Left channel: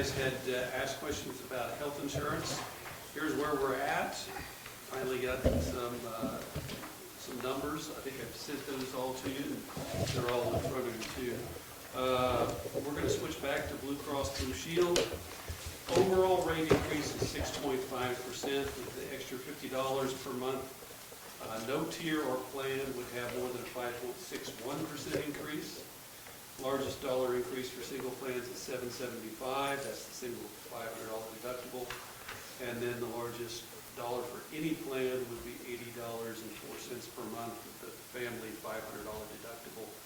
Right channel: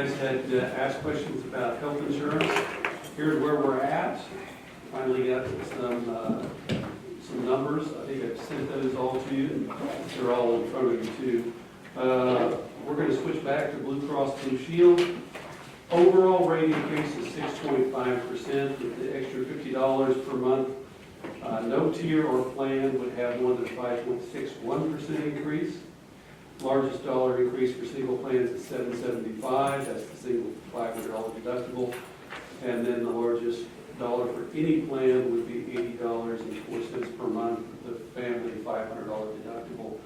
guys had asked questions about health insurance. Here's where we're at. Finally got some numbers. I think I've sent those all to you. They're all in front of you too. We're going to switch back to Blue Cross Blue Shield. Overall rate increase is 6.5% with the extra $50 per month. No tier or plan would have one to 5.61% increase. Largest dollar increase for single plans is $775. That's the single $500 deductible. And then the largest dollar for any plan would be $80.04 per month with the family $500 deductible.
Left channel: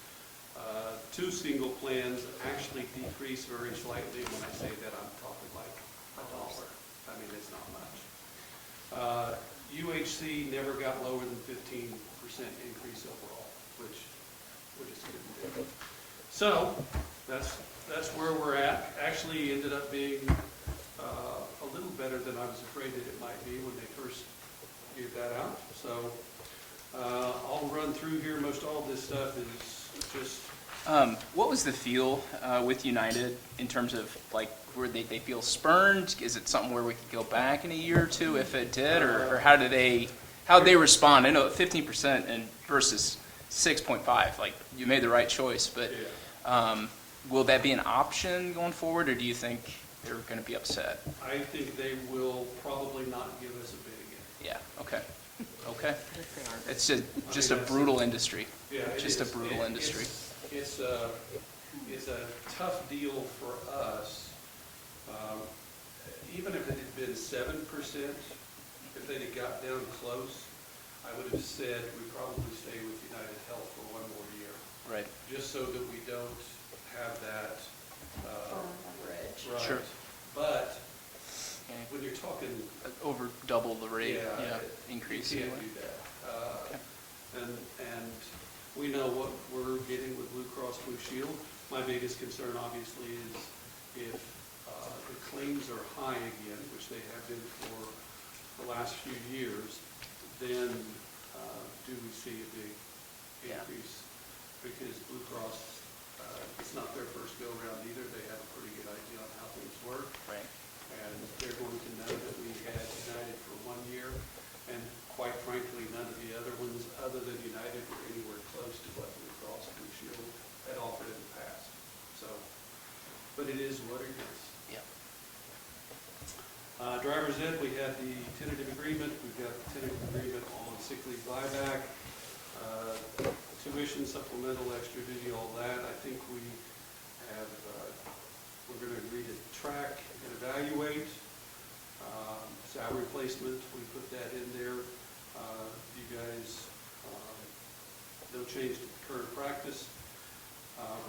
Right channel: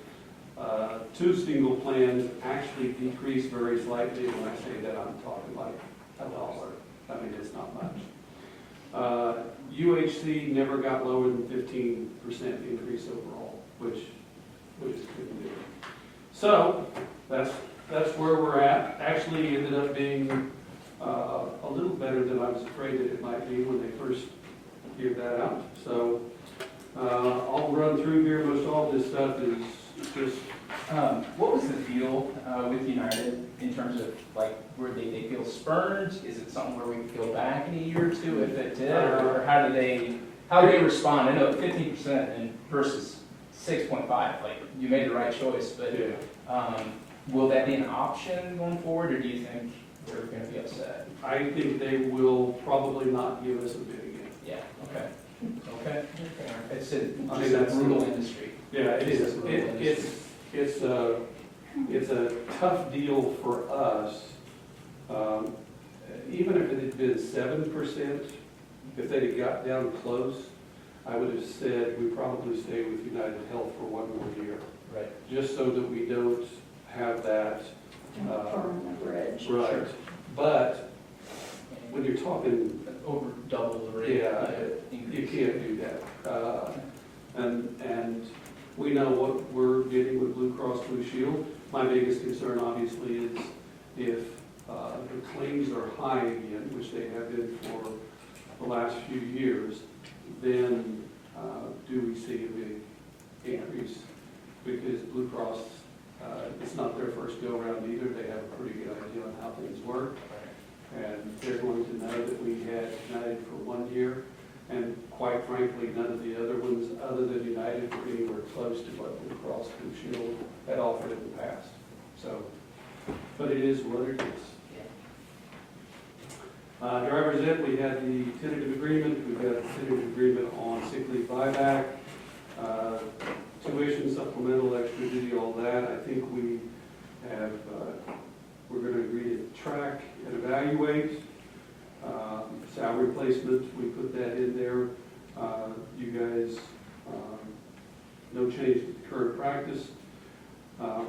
Two single plans actually decrease very slightly. When I say that, I'm talking like $1. I mean, it's not much. UHC never got lower than 15% increase overall, which is good. So that's where we're at. Actually ended up being a little better than I was afraid that it might be when they first figured that out. So I'll run through here. Most all of this stuff is just... what was the feel with United in terms of, like, were they feel spurned? Is it something where we could go back in a year or two if it did, or how did they respond? I know 15% and versus 6.5, like, you made the right choice, but will that be an option going forward, or do you think they're going to be upset? I think they will probably not give us a bid again. Yeah. Okay. It's just a brutal industry. Yeah, just a brutal industry. It's a tough deal for us. Even if it had been 7%, if they had got down close, I would have said we probably stay with United Health for one more year. Right. Just so that we don't have that. Burn the bridge. Right. Sure. But when you're talking Over double the rate increase. You can't do that. And we know what we're getting with Blue Cross Blue Shield. My biggest concern, obviously, is if the claims are high again, which they have been for the last few years, then do we see a big increase? Because Blue Cross, it's not their first go-around either. They have a pretty good idea on how things work. And they're going to know that we had United for 1 year, and quite frankly, none of the other ones other than United were anywhere close to what Blue Cross Blue Shield had offered in the past. So, but it is what it is. Driver's ed, we had the tentative agreement. We've got a tentative agreement on sick leave buyback, tuition, supplemental, extra duty, all that. I think we have, we're going to agree to track and evaluate. Salary placement, we put that in there. You guys, no change to the current practice.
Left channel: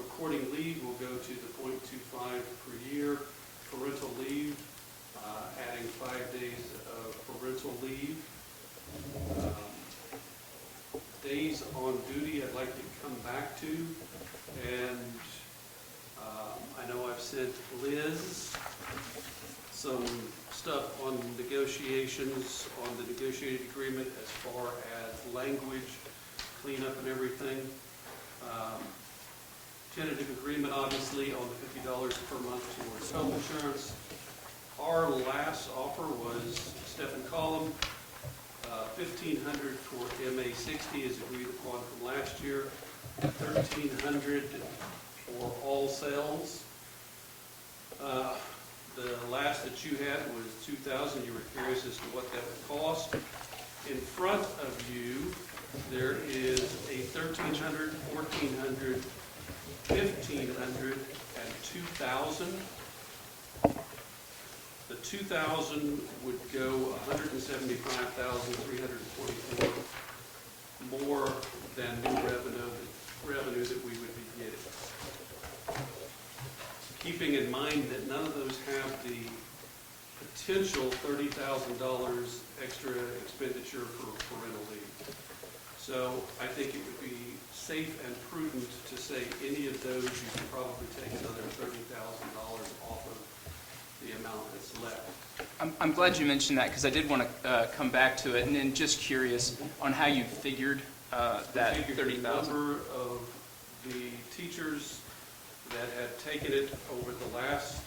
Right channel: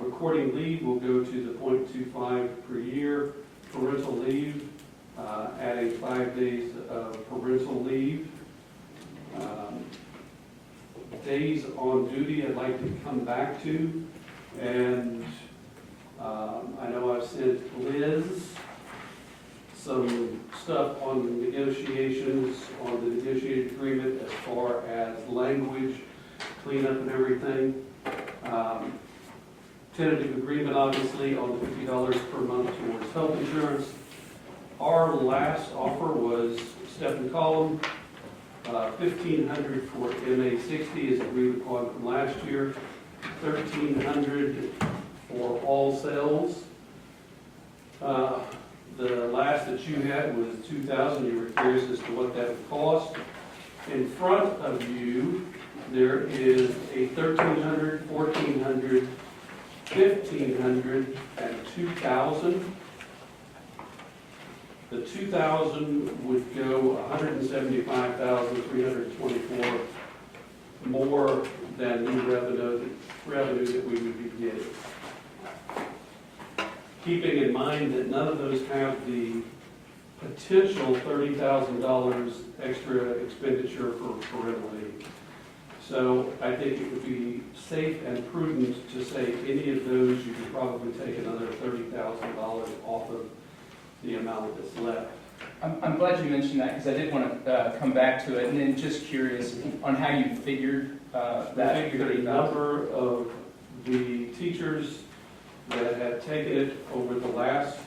Recording leave will go to the 0.25 per year. Parental leave, adding 5 days of parental leave. Days on duty I'd like to come back to, and I know I've sent Liz some stuff on negotiations, on the negotiated agreement as far as language, cleanup and everything. Tentative agreement, obviously, on the $50 per month towards health insurance. Our last offer was Stephen Collum, $1,500 for MA60 is agreed upon from last year, $1,300 for all sales. The last that you had was $2,000. You were curious as to what that would cost. In front of you, there is a $1,300, $1,400, $1,500, and $2,000. The $2,000 would go $175,324 more than the revenue that we would be getting. Keeping in mind that none of those have the potential $30,000 extra expenditure for parental leave. So I think it would be safe and prudent to say any of those you could probably take another $30,000 off of the amount that's left. I'm glad you mentioned that because I did want to come back to it, and then just curious on how you figured that We figured the 30,000. number of the teachers that have taken it over the last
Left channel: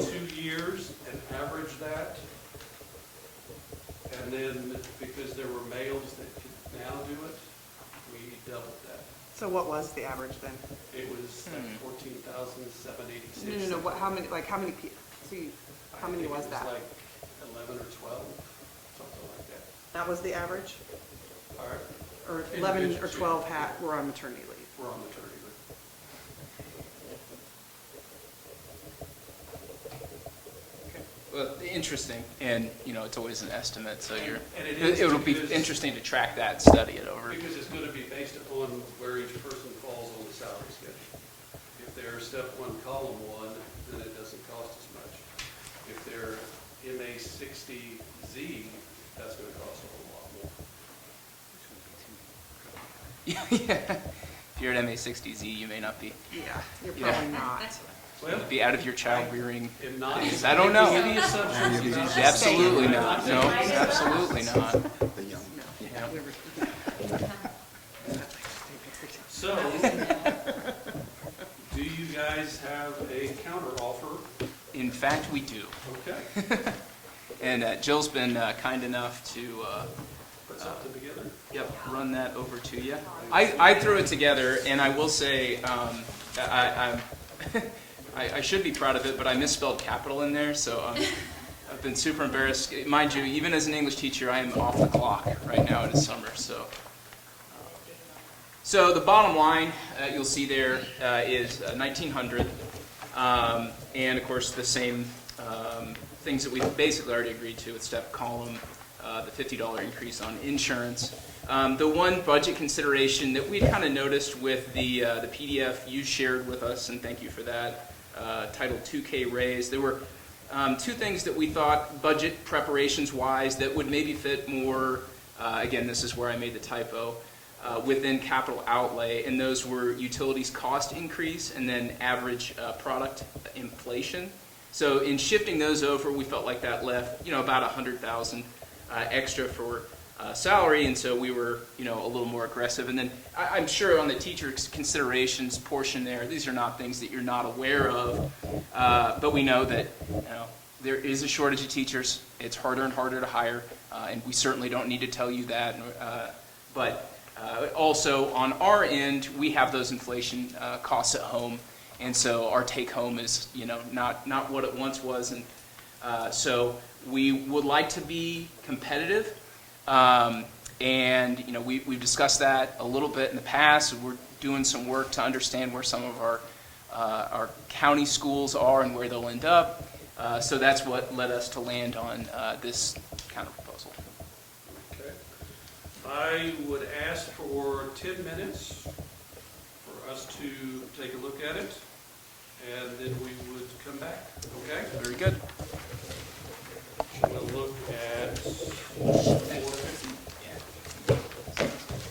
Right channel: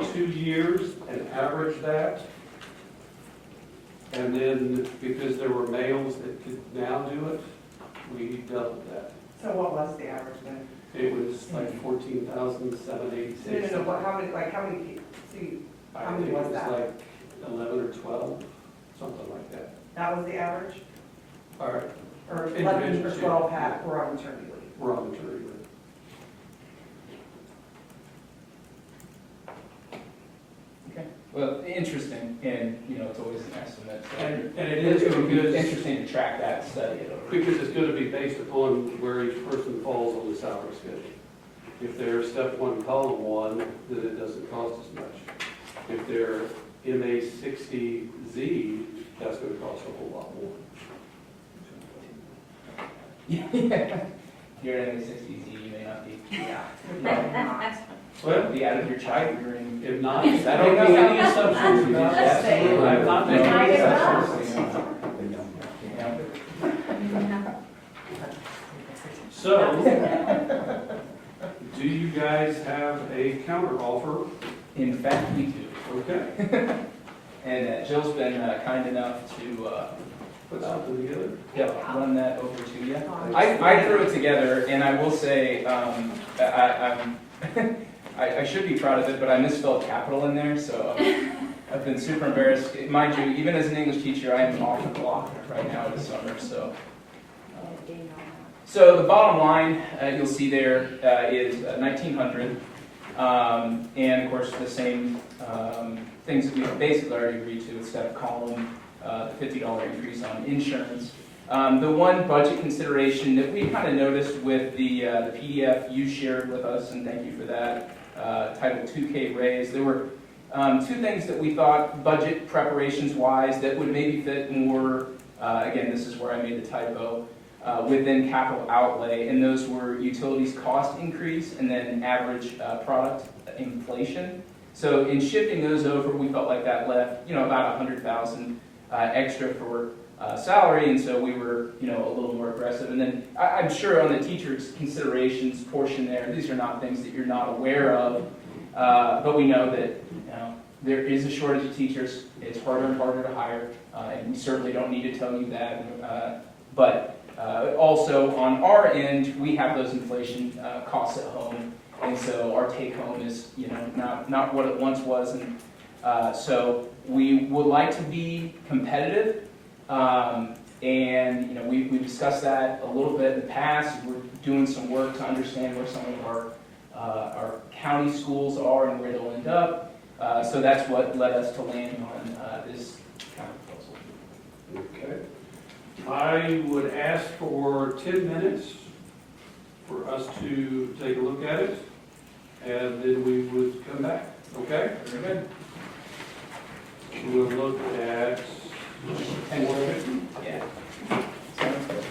2 years and average that. And then, because there were males that could now do it, we doubled that. So what was the average then? It was like 14,786. No, how many, see, I how many think was it that? like 11 or 12, something like that. That was the average? Or Or 11 or 12 were on maternity leave? we're on maternity leave. Okay. Well, interesting, and, you know, it's always an estimate, so you're, And it is it'll be because- interesting to track that, study it over. Because it's going to be based upon where each person falls on the salary schedule. If they're step one, column one, then it doesn't cost as much. If they're MA 60Z, that's going to cost a whole lot more. Yeah. If you're at MA60Z, you may not be, Yeah, you're probably not. Well, be out of your child rearing. if not, I don't know. Any assumptions about that? Absolutely I'm not. not No, making any absolutely assumptions. not. Yeah. So, do you guys have a counter offer? In fact, we do. Okay, And Jill's been kind enough to put something together. run that over to you. I threw it together, and I will say, I should be proud of it, but I misspelled capital in there, so I've been super embarrassed. Mind you, even as an English teacher, I am off the clock right now in the summer, so. So the bottom line, you'll see there, is 1,900, and of course the same things that we've basically already agreed to with step column, the $50 increase on insurance. The one budget consideration that we kind of noticed with the PDF you shared with us, and thank you for that, titled 2K raise, there were two things that we thought budget preparations wise that would maybe fit more, again this is where I made a typo, within capital outlay, and those were utilities cost increase and then average product inflation. So in shifting those over, we felt like that left, you know, about 100,000 extra for salary, and so we were, you know, a little more aggressive. And then I'm sure on the teacher's considerations portion there, these are not things that you're not aware of, but we know that, you know, there is a shortage of teachers. It's harder and harder to hire, and we certainly don't need to tell you that. But also on our end, we have those inflation costs at home, and so our take home is, you know, not what it once was, and so we would like to be competitive. And you know, we've discussed that a little bit in the past. We're doing some work to understand where some of our county schools are and where they'll end up. So that's what led us to land on this kind of proposal. Okay. I would ask for 10 minutes for us to take a look at it, and then we would come back. Okay? Very good. We'll look at 450. Yeah. Sounds good.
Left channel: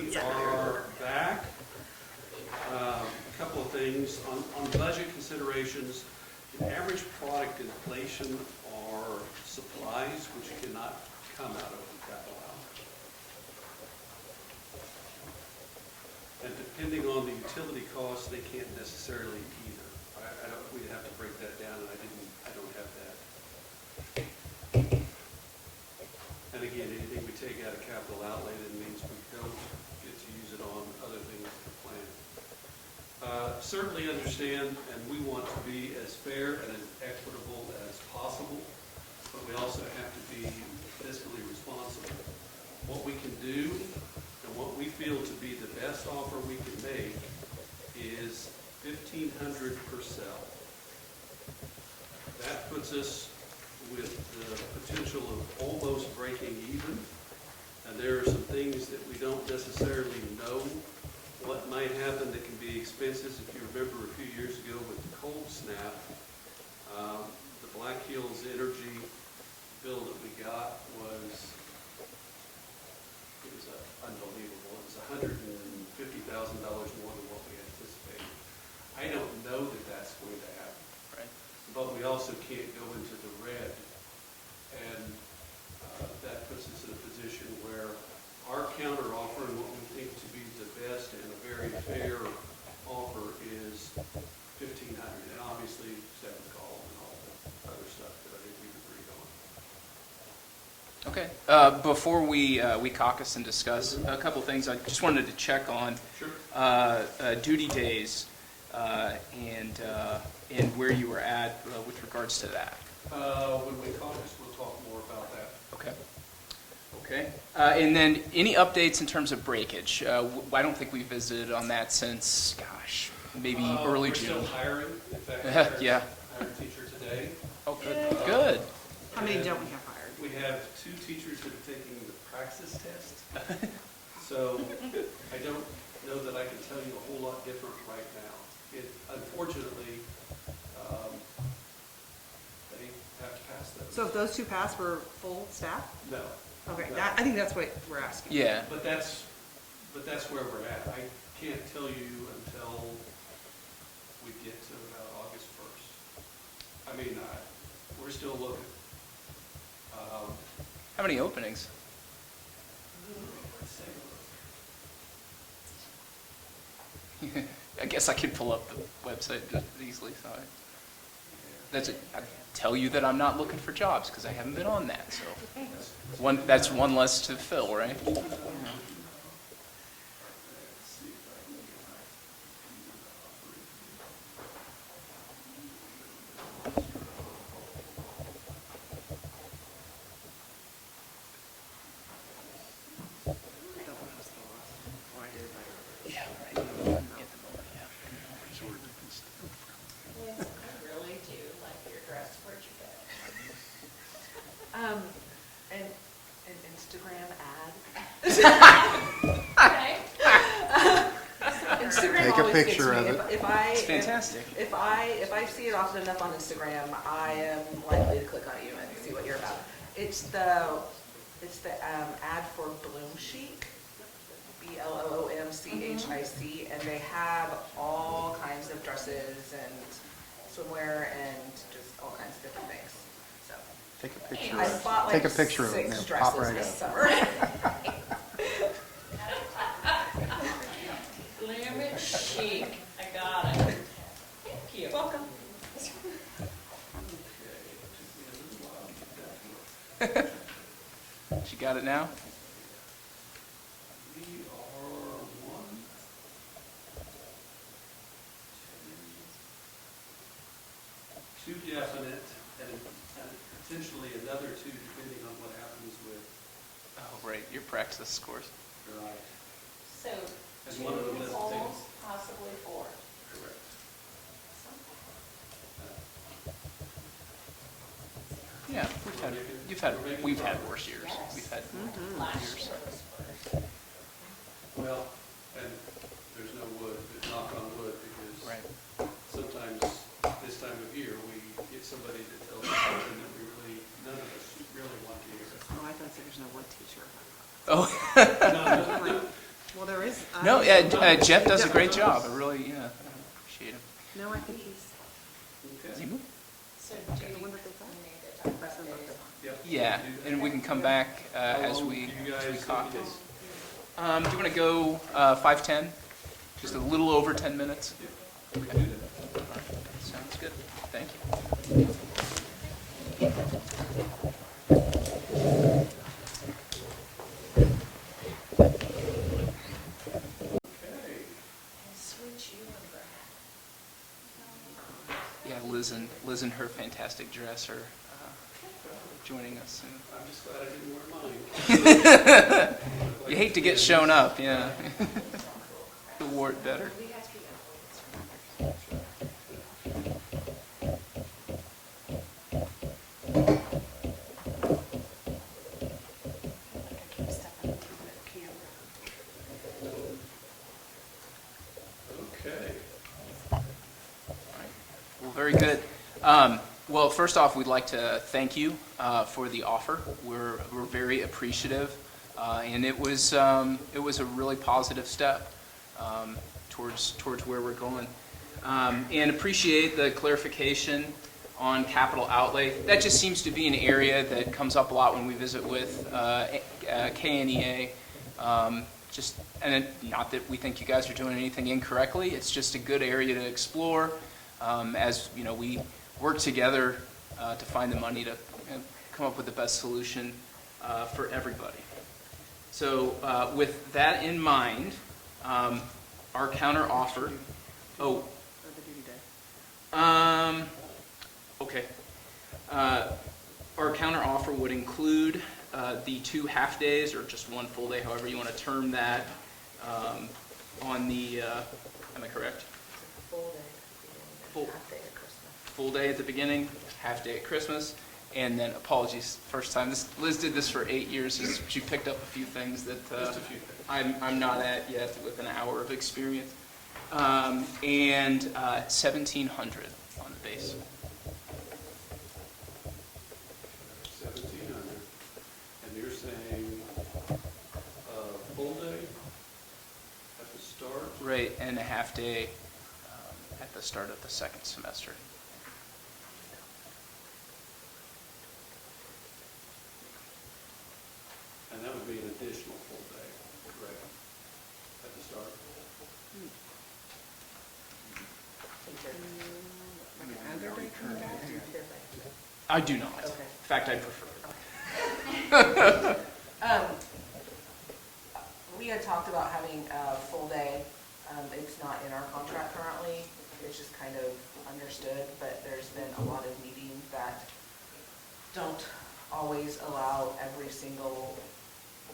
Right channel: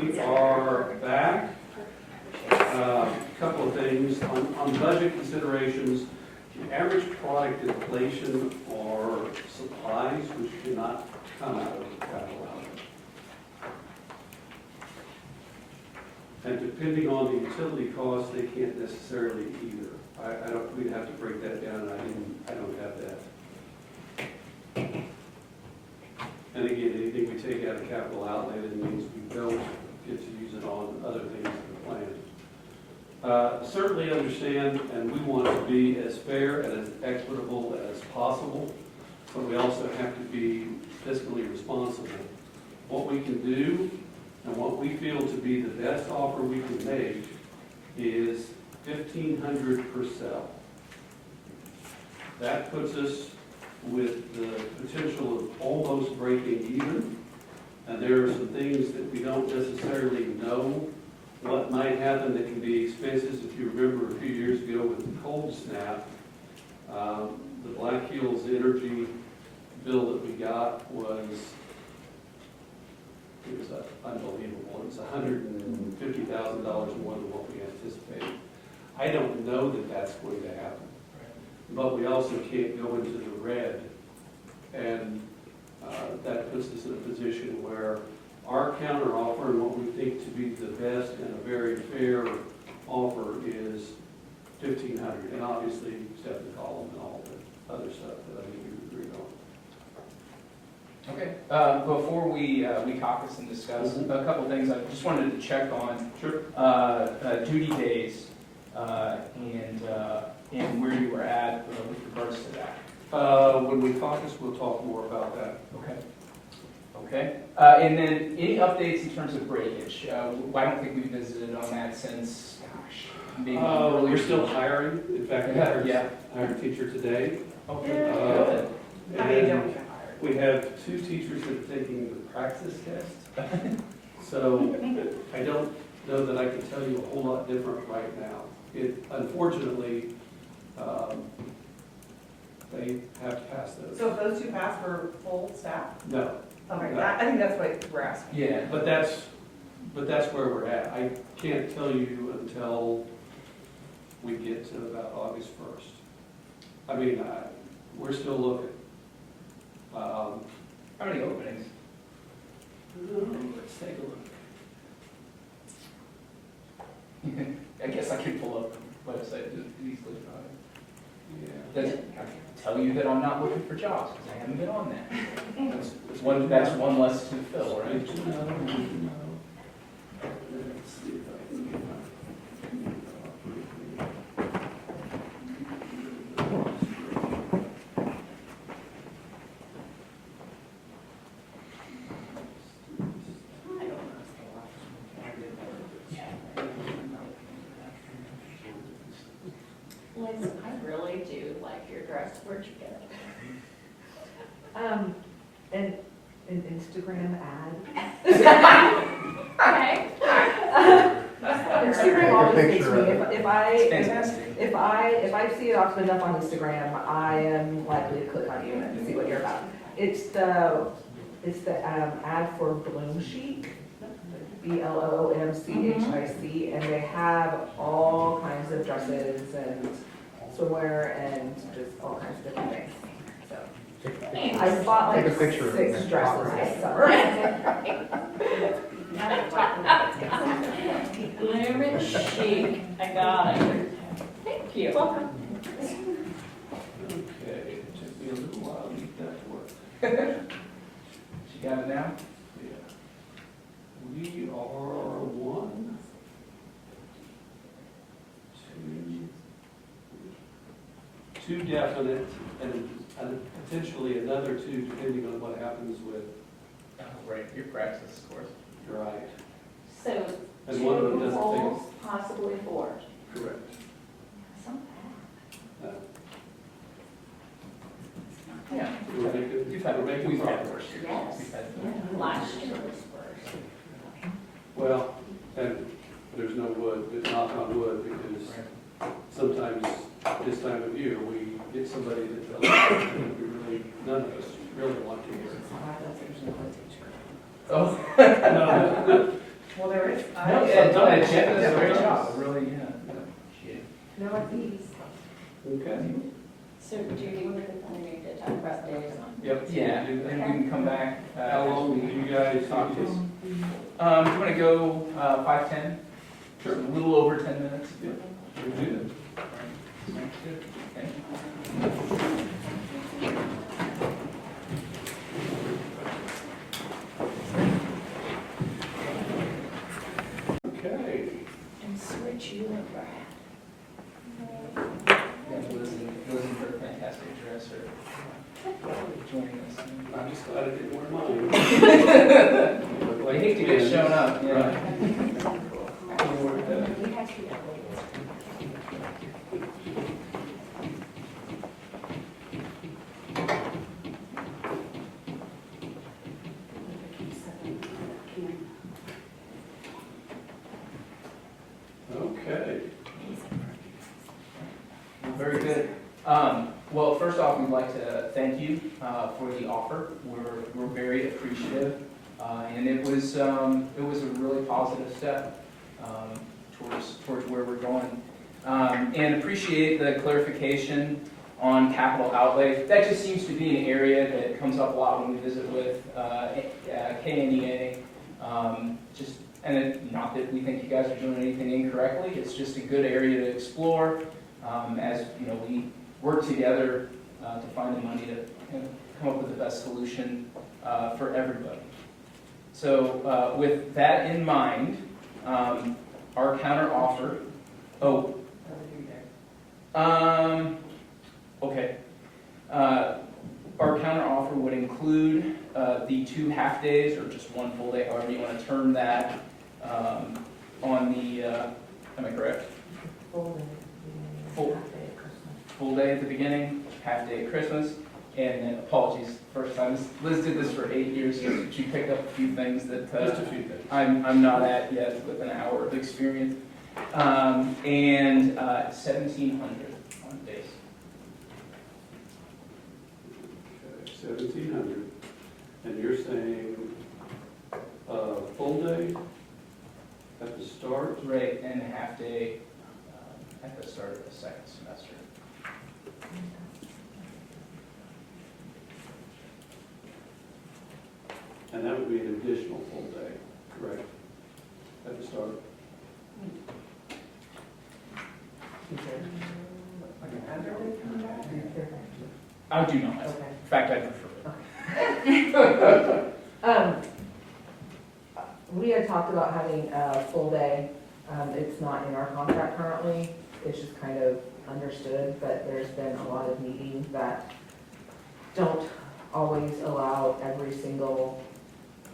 We are back. A couple of things on budget considerations. Average product inflation are supplies which cannot come out of the capital outlay. And depending on the utility costs, they can't necessarily either. I don't, we'd have to break that down, and I don't have that. And again, anything we take out of capital outlay, that means we don't get to use it on other things in the plan. Certainly understand, and we want to be as fair and as equitable as possible, but we also have to be fiscally responsible. What we can do and what we feel to be the best offer we can make is $1,500 per cell. That puts us with the potential of almost breaking even, and there are some things that we don't necessarily know what might happen that can be expenses. If you remember a few years ago with the cold snap, the Black Hills Energy bill that we got was unbelievable. It was $150,000 more than what we anticipated. I don't know that that's going to happen, but we also can't go into the red, and that puts us in a position Okay, before we caucus and discuss, a couple things I just wanted to check on. Sure. Duty days, and where you were at with regards to that. When we caucus, we'll talk more about that. Okay. Okay. And then any updates in terms of breakage? I don't think we visited on that since, gosh, maybe early We're June. still hiring. In fact, we Yeah. hired a teacher today. Oh, good. Good. How many don't we have hired? We have 2 teachers that are taking the praxis test. So I don't know that I can tell you a whole lot different right now. Unfortunately, they have to pass those. So if those 2 pass, we're full staff? No, Okay, I think that's what we're asking. Yeah. but that's where we're at. I can't tell you until we get to about August 1st. I mean, we're still looking. How many openings? Let's take a look. I guess I can pull up the website easily. So Yeah. doesn't I tell you that I'm not looking for jobs because I haven't been on that. So That's one less to fill, right? Let's see if I can get Yes, I really do like your dress, where'd you get An Instagram ad. it? Instagram Take a always makes picture me, of it. It's fantastic. if I see it often enough on Instagram, I am likely to click on you and see what you're about. It's the ad for Bloom Chic, BLOOMCHIC, and they have all kinds of dresses and swimwear and just all kinds of different things. So Take a picture. I bought Take like a picture of 6 it. dresses Outright. this summer. Bloom and chic, I got it. Thank you. Welcome. Okay, it took me a little while to get that to work. She got it now? Yeah. We are 1, 2 definite, and potentially another 2, depending on what happens with Oh, right, your praxis scores. your eye. So, And one of them 2 doesn't polls, possibly 4. Correct. Yeah. We've had worse years. Yes. We've had. Last year was worse. Well, and there's no wood, but knock on wood, because Right. sometimes this time of year, we get somebody that tells us that we really, none of us really want to hear. Oh, No, Well, there is. no, Jeff does a great job. Really, yeah. Appreciate it. No IDs. Okay. So do you need to talk about days? Yep. Yeah, and we can come back How as long do we you guys talk this? do you want to go 5:10? Just a little over 10 minutes? We can do that. Sounds good. Thank you. Okay. And switch you and Yeah, Liz and her fantastic dresser joining us. I'm just glad I didn't wear mine. I hate to get shown up, yeah. You wore it better. Okay. Well, very good. Well, first off, we'd like to thank you for the offer. We're very appreciative, and it was a really positive step towards where we're going. And appreciate the clarification on capital outlay. That just seems to be an area that comes up a lot when we visit with KNEA. And not that we think you guys are doing anything incorrectly, it's just a good area to explore as we work together to find the money to come up with the best solution for everybody. So with that in mind, our counter offer, okay. Our counter offer would include the 2 half-days, or just 1 full day, however you want to term that, on the, am I correct? Full day, Full- half day at Christmas. Full day at the beginning, half-day at Christmas, and then, apologies, first time, Liz did this for 8 years, so she picked up a few things that Just a few things. I'm not at yet with an hour of experience. And 1,700 on the base. 1,700, and you're saying full day at the start? Right, and a half day at the start of the second semester. And that would be an additional full day, correct? At the start? I do not. Okay. In fact, I prefer it. We had talked about having a full day. It's not in our contract currently. It's just kind of understood, but there's been a lot of meetings that don't always allow every single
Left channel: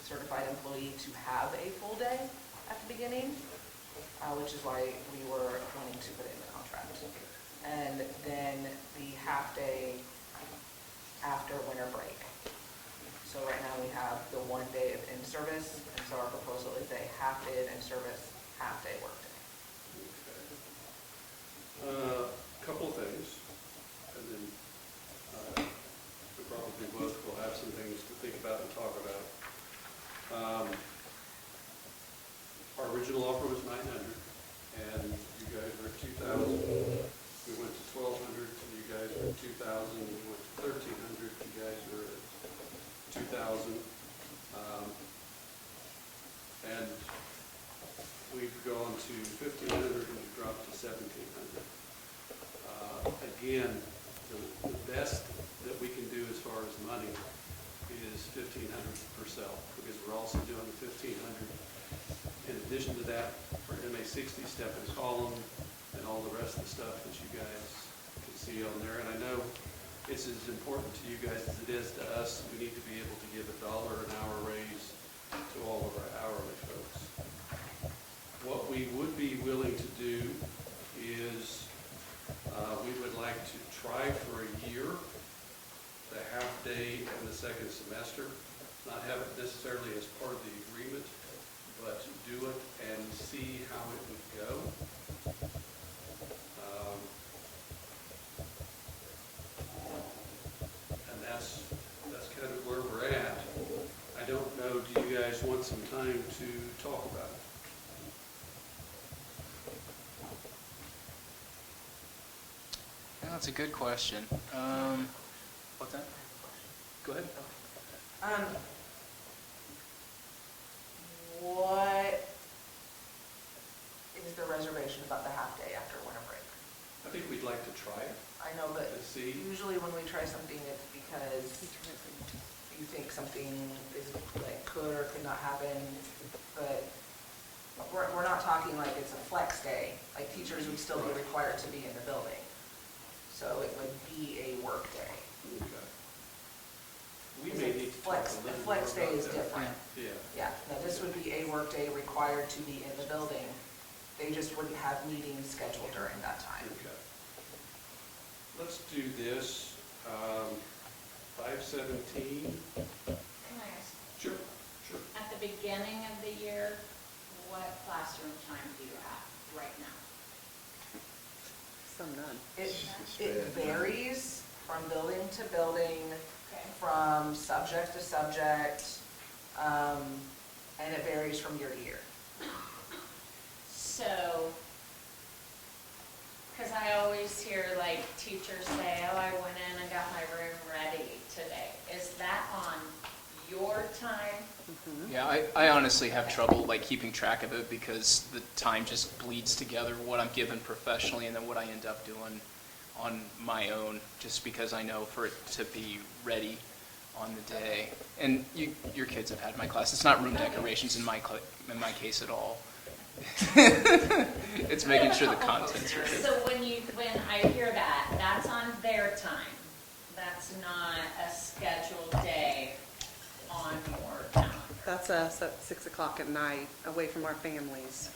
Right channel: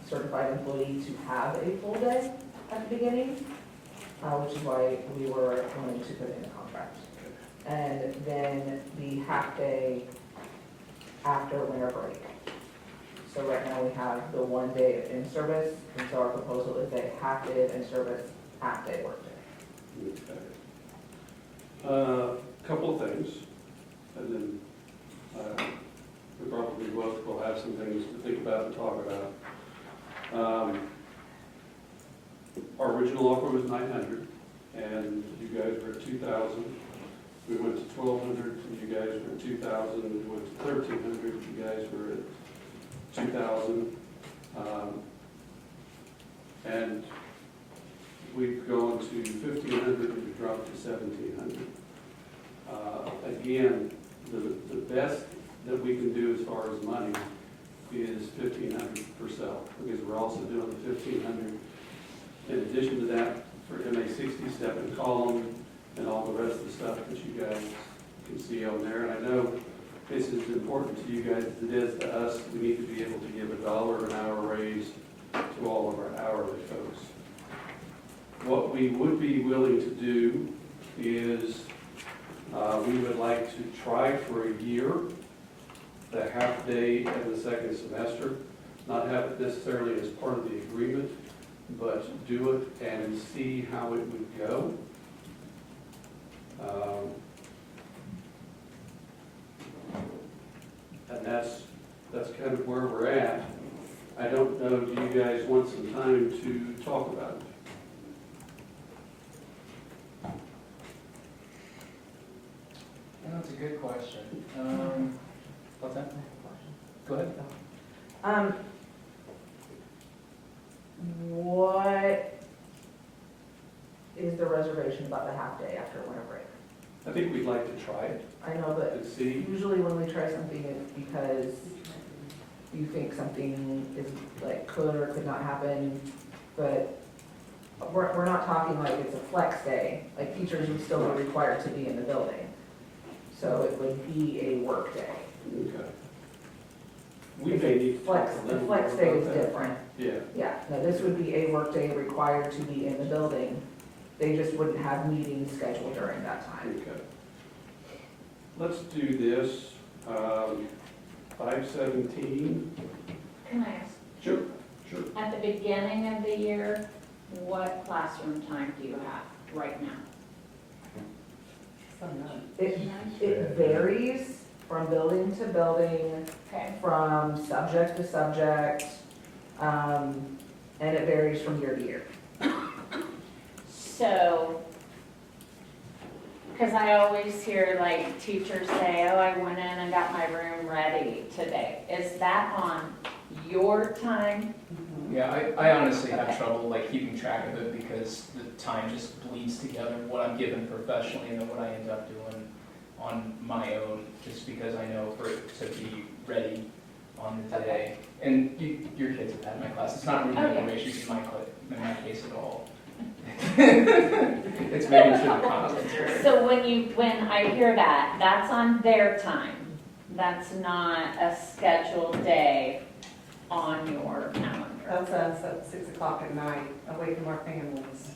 certified employee to have a full day at the beginning, which is why we were willing to put it in the contract. And then the half day after winter break. So right now we have the 1 day of in-service, and so our proposal is a half day of in-service, half day work day. Okay. Couple of things, and then we probably both will have some things to think about and talk about. Our original offer was 900, and you guys were 2,000. We went to 1,200, and you guys were 2,000. We went to 1,300, you guys were at 2,000. And we've gone to 1,500, and we've dropped to 1,700. Again, the best that we can do as far as money is 1,500 per cell, because we're also doing the 1,500. In addition to that, for MA60 step and column and all the rest of the stuff that you guys can see on there. And I know this is important to you guys as it is to us. We need to be able to give $1 an hour raise to all of our hourly folks. What we would be willing to do is we would like to try for a year the half day of the second semester, not have it necessarily as part of the agreement, but do it and see how it would go. And that's kind of where we're at. I don't know, do you guys want some time to talk about it? Yeah, that's a good question. What's that? Go ahead. What is the reservation about the half day after winter break? I think we'd like to try it I know, but and see. usually when we try something, it's because you think something is like could or could not happen, but we're not talking like it's a flex day. Like teachers would still be required to be in the building. So it would be a work day. Okay. We may need to Flex, talk a the little flex more day about is that. different. Yeah. Yeah, no, this would be a work day required to be in the building. They just wouldn't have meetings scheduled during that time. Okay. Let's do this, 517. Can I ask, Sure, sure. at the beginning of the year, what classroom time do you have right now? It varies from building to building, Okay. from subject to subject, and it varies from year to year. So, because I always hear like teachers say, oh, I went in and got my room ready today. Is that on your time? Yeah, I honestly have trouble like keeping track of it because the time just bleeds together, what I'm given professionally and then what I end up doing on my own, just because I know for it to be ready on the day. And your kids have had my class. It's not room decorations in my case at all. It's making sure the content's right. So when I hear that, that's on their time. That's not a scheduled day on your calendar. That's us at 6 o'clock at night, away from our families,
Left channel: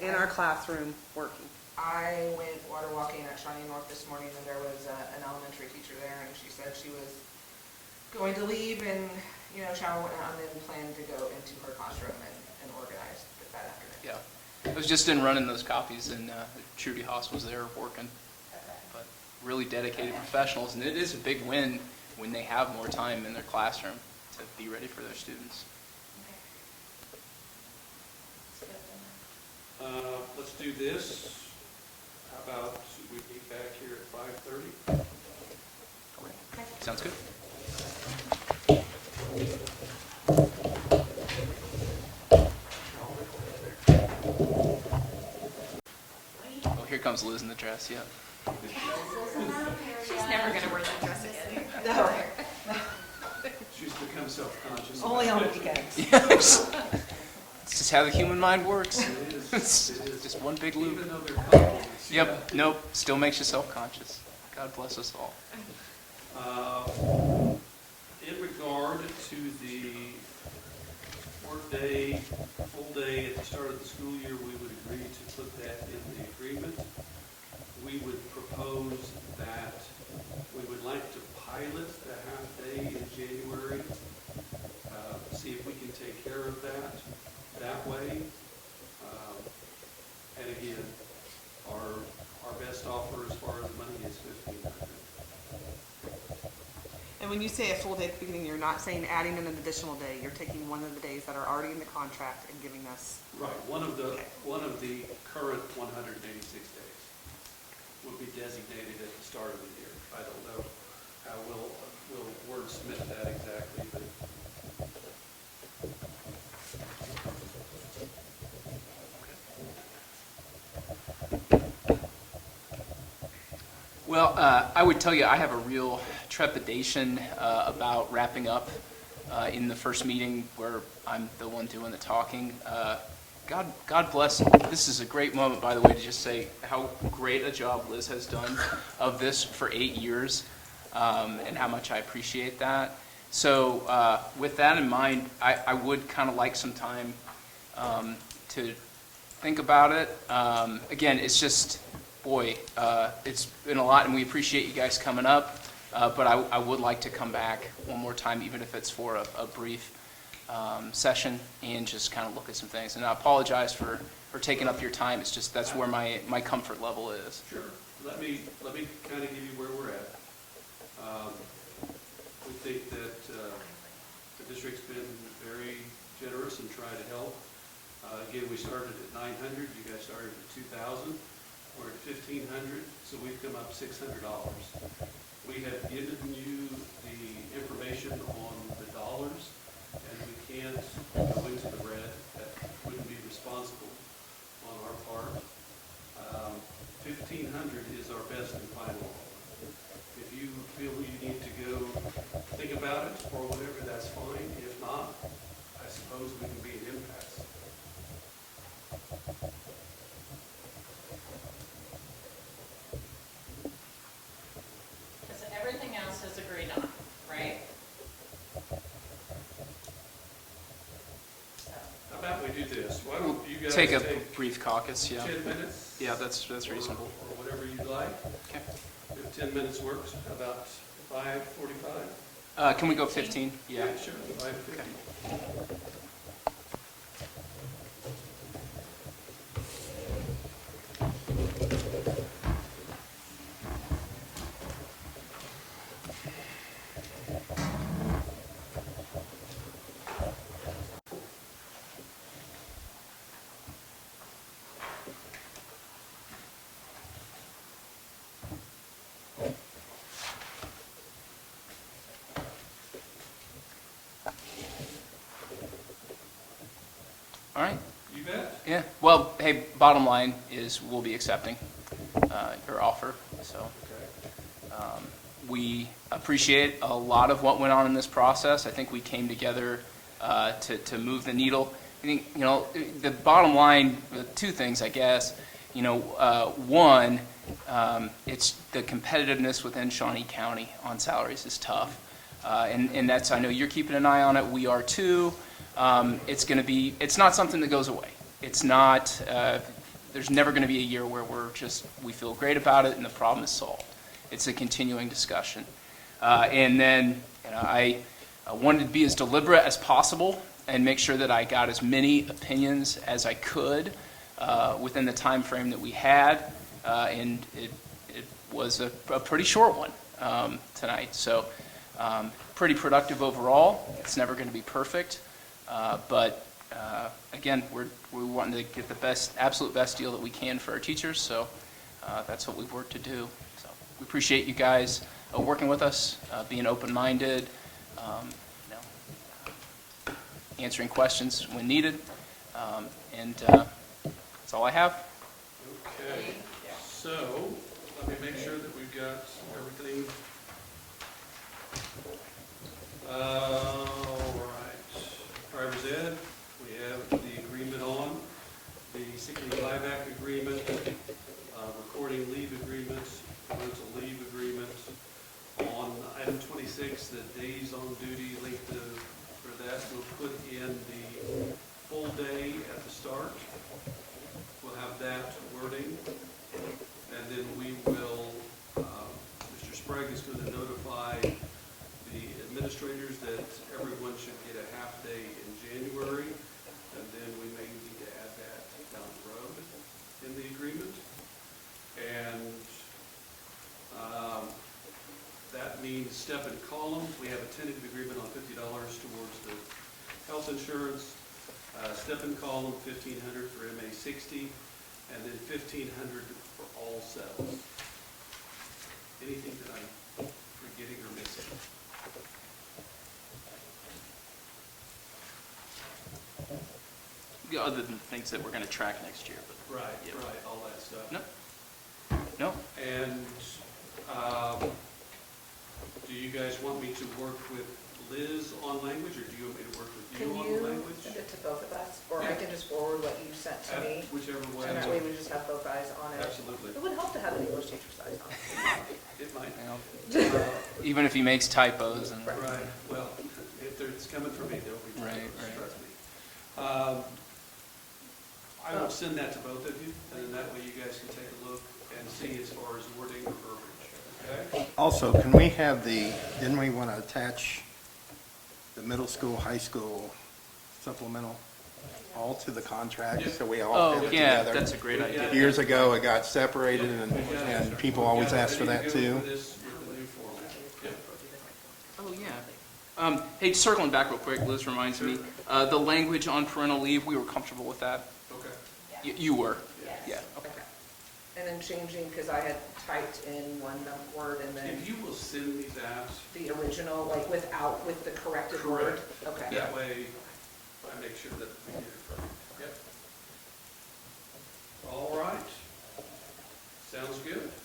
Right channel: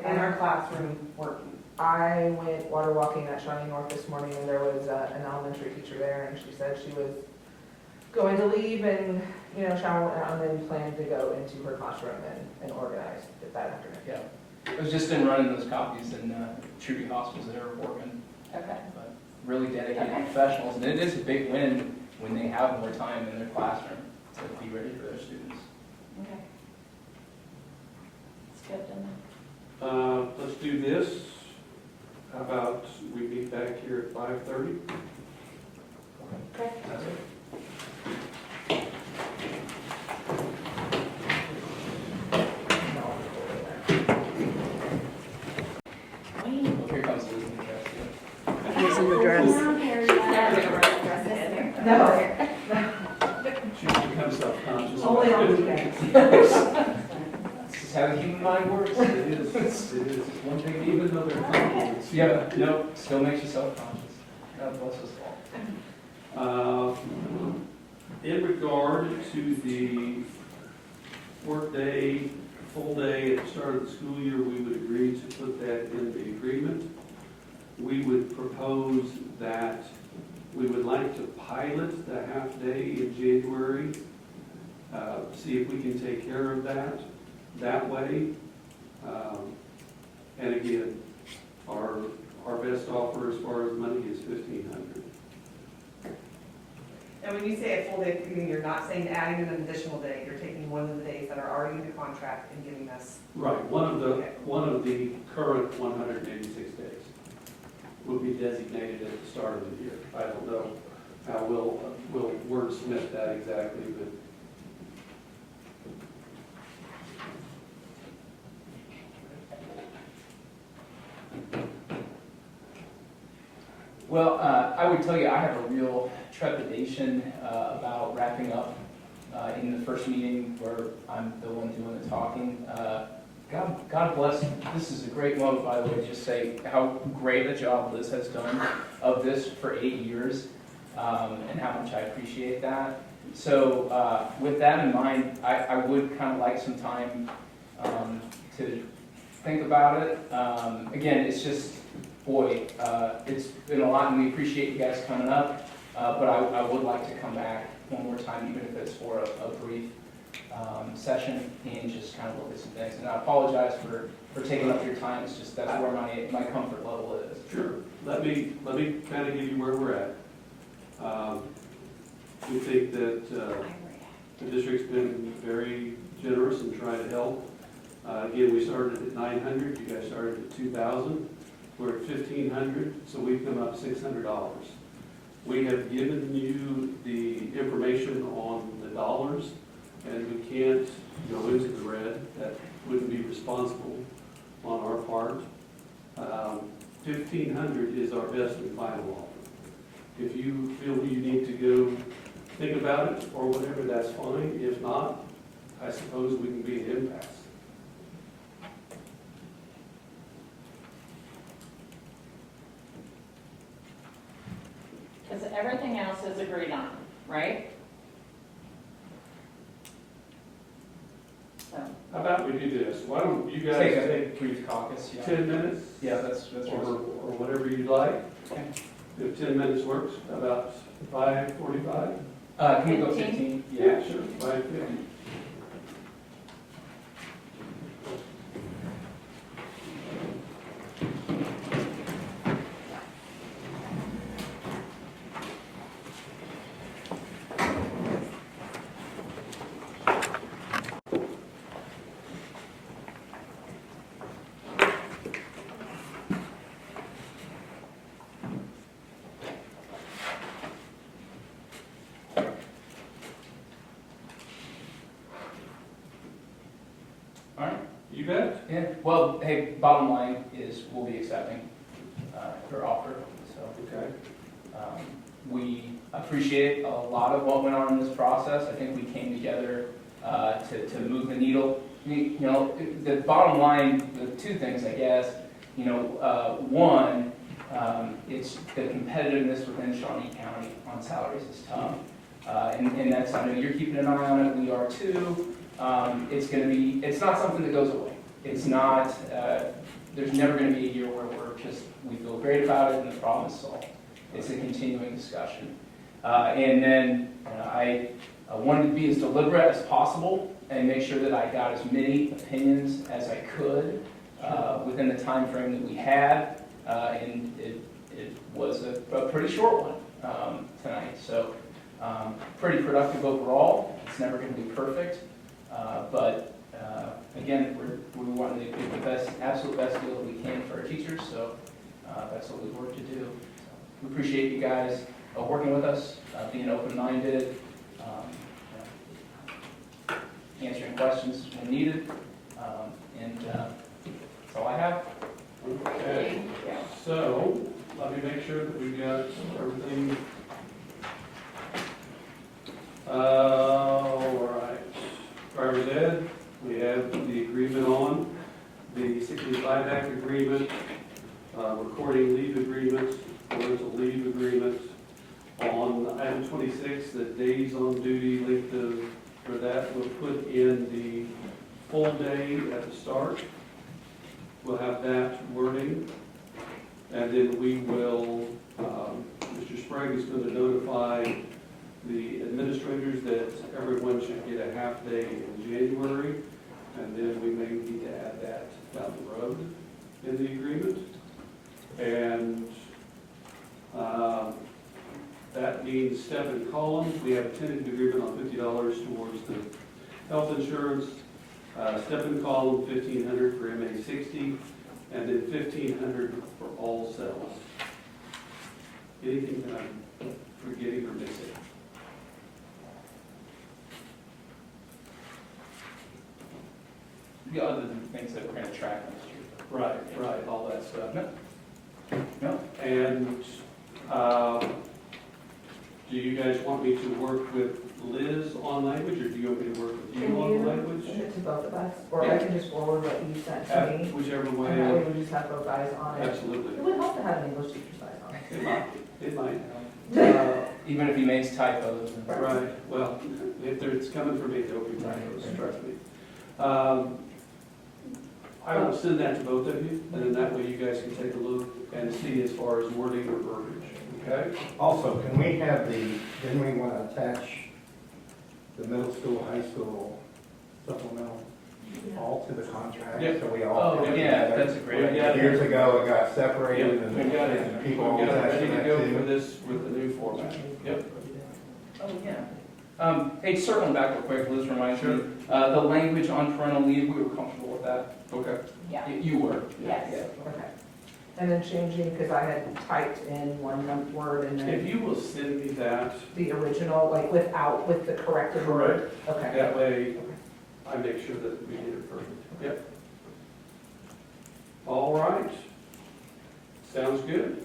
in our classroom working. I went water walking at Shining North this morning, and there was an elementary teacher there, and she said she was going to leave and, shower, and then plan to go into her classroom and organize it that afternoon. Yeah. I was just in running those copies, and Trudy Haas was there working. Okay. But really dedicated professionals, and it is a big win when they have more time in their classroom to be ready for their students. Okay. It's good to know. Let's do this. How about we meet back here at 5:30? Okay. Sounds good. Oh, here comes Liz in the dress, yeah. She's never gonna wear that dress again. No. She's become self-conscious. Only on weekends. This is how the human mind works. It is, It's it is. just one big loop. Even though they're compliments. Yep, nope, still makes you self-conscious. God bless us all. In regard to the workday, full day at the start of the school year, we would agree to put that in the agreement. We would propose that we would like to pilot the half-day in January, see if we can take care of that way. And again, our best offer as far as money is $1,500. And when you say a full day, you mean you're not saying adding an additional day, you're taking one of the days that are already in the contract and giving us. Right, one of the current 186 days will be designated at the start of the year. I don't know how we'll wordsmith that exactly, but Well, I would tell you I have a real trepidation about wrapping up in the first meeting where I'm the one doing the talking. God bless. This is a great moment, by the way, to just say how great a job Liz has done of this for 8 years, and how much I appreciate that. So with that in mind, I would kind of like some time to think about it. Again, it's just, boy, it's been a lot, and we appreciate you guys coming up, but I would like to come back one more time, even if it's for a brief session, and just kind of look at some things. And I apologize for taking up your time. It's just that's where my comfort level is. sure. Let me kind of give you where we're at. We think that the district's been very generous in trying to help. Again, we started at 900, you guys started at 2,000. We're at 1,500, so we've come up $600. We have given you the information on the dollars, and we can't go into the red. That wouldn't be responsible on our part. 1,500 is our best and final offer. If you feel you need to go think about it or whatever, that's fine. If not, I suppose we can be at impasse. Because everything else is agreed on, right? So, How about we do this? Why don't you guys Take a take brief caucus, yeah. 10 minutes? Yeah, that's reasonable. Or whatever you'd like. Okay. If 10 minutes works, how about 5:45? Can we go 15? Sure. 5:50. All right. You bet. Yeah, well, hey, bottom line is we'll be accepting her offer, so Okay. we appreciate a lot of what went on in this process. I think we came together to move the needle. I mean, you know, the bottom line, the two things, I guess, you know, one, it's the competitiveness within Shawnee County on salaries is tough. And that's, I know you're keeping an eye on it, we are too. It's not something that goes away. It's not, there's never going to be a year where we feel great about it and the problem is solved. It's a continuing discussion. And then, you know, I wanted to be as deliberate as possible and make sure that I got as many opinions as I could within the time frame that we had. And it was a pretty short one tonight. So pretty productive overall. It's never going to be perfect. But again, we wanted to get the absolute best deal that we can for our teachers. So that's what we've worked to do. So we appreciate you guys working with us, being open-minded, answering questions when needed, and that's all I have. Okay, so let me make sure that we've got everything. All right, driver's ed, we have the agreement on, the sick leave buyback agreement, recording leave agreements, parental leave agreements. On item 26, the days on duty linked to, for that, we'll put in the full day at the start. We'll have that wording, and then we will, Mr. Sprague is going to notify the administrators that everyone should get a half day in January, and then we may need to add that down the road in the agreement. And that means step and column. We have a tentative agreement on $50 towards the health insurance. Step and column, $1,500 for MA 60, and then $1,500 for all cells. Anything that I'm forgetting or missing? Other than things that we're going to track next year. Right, right, all that stuff. No. And do you guys want me to work with Liz on language, or do you want me to work with Can you on you language? send it to both of us, or I can just forward what you sent to me? Whichever way. And that way we just have both guys on it. Absolutely. It would help to have an English teacher's eyes on it. It might help. Even if he makes typos and. Right, well, if it's coming from me, there'll be Right, typos, right. trust me. I will send that to both of you, and then that way you guys can take a look and see as far as wording or verbiage, okay? Also, can we have didn't we want to attach the middle school, high school supplemental all to the contract, Yeah. so we all Oh, fit yeah, together? that's a great idea. Years ago, it got separated, and people always ask for that Ready to go for too. this with the new format. Yep. Oh, yeah. Hey, circling back real quick, Liz reminds me, the language on parental leave, we were comfortable with that. Okay. Yeah, You were? yes. Yeah. Okay. And then changing, because I had typed in one word and If then you will send me that, the original, like with the corrected word. Okay. that way I make sure that we get it perfect. Yep. All right. Sounds good.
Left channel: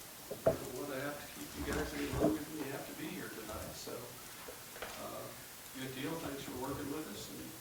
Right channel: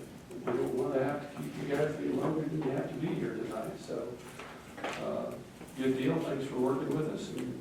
We don't want to have to keep you guys any longer than you have to be here tonight, so, good deal. Thanks for working with us, and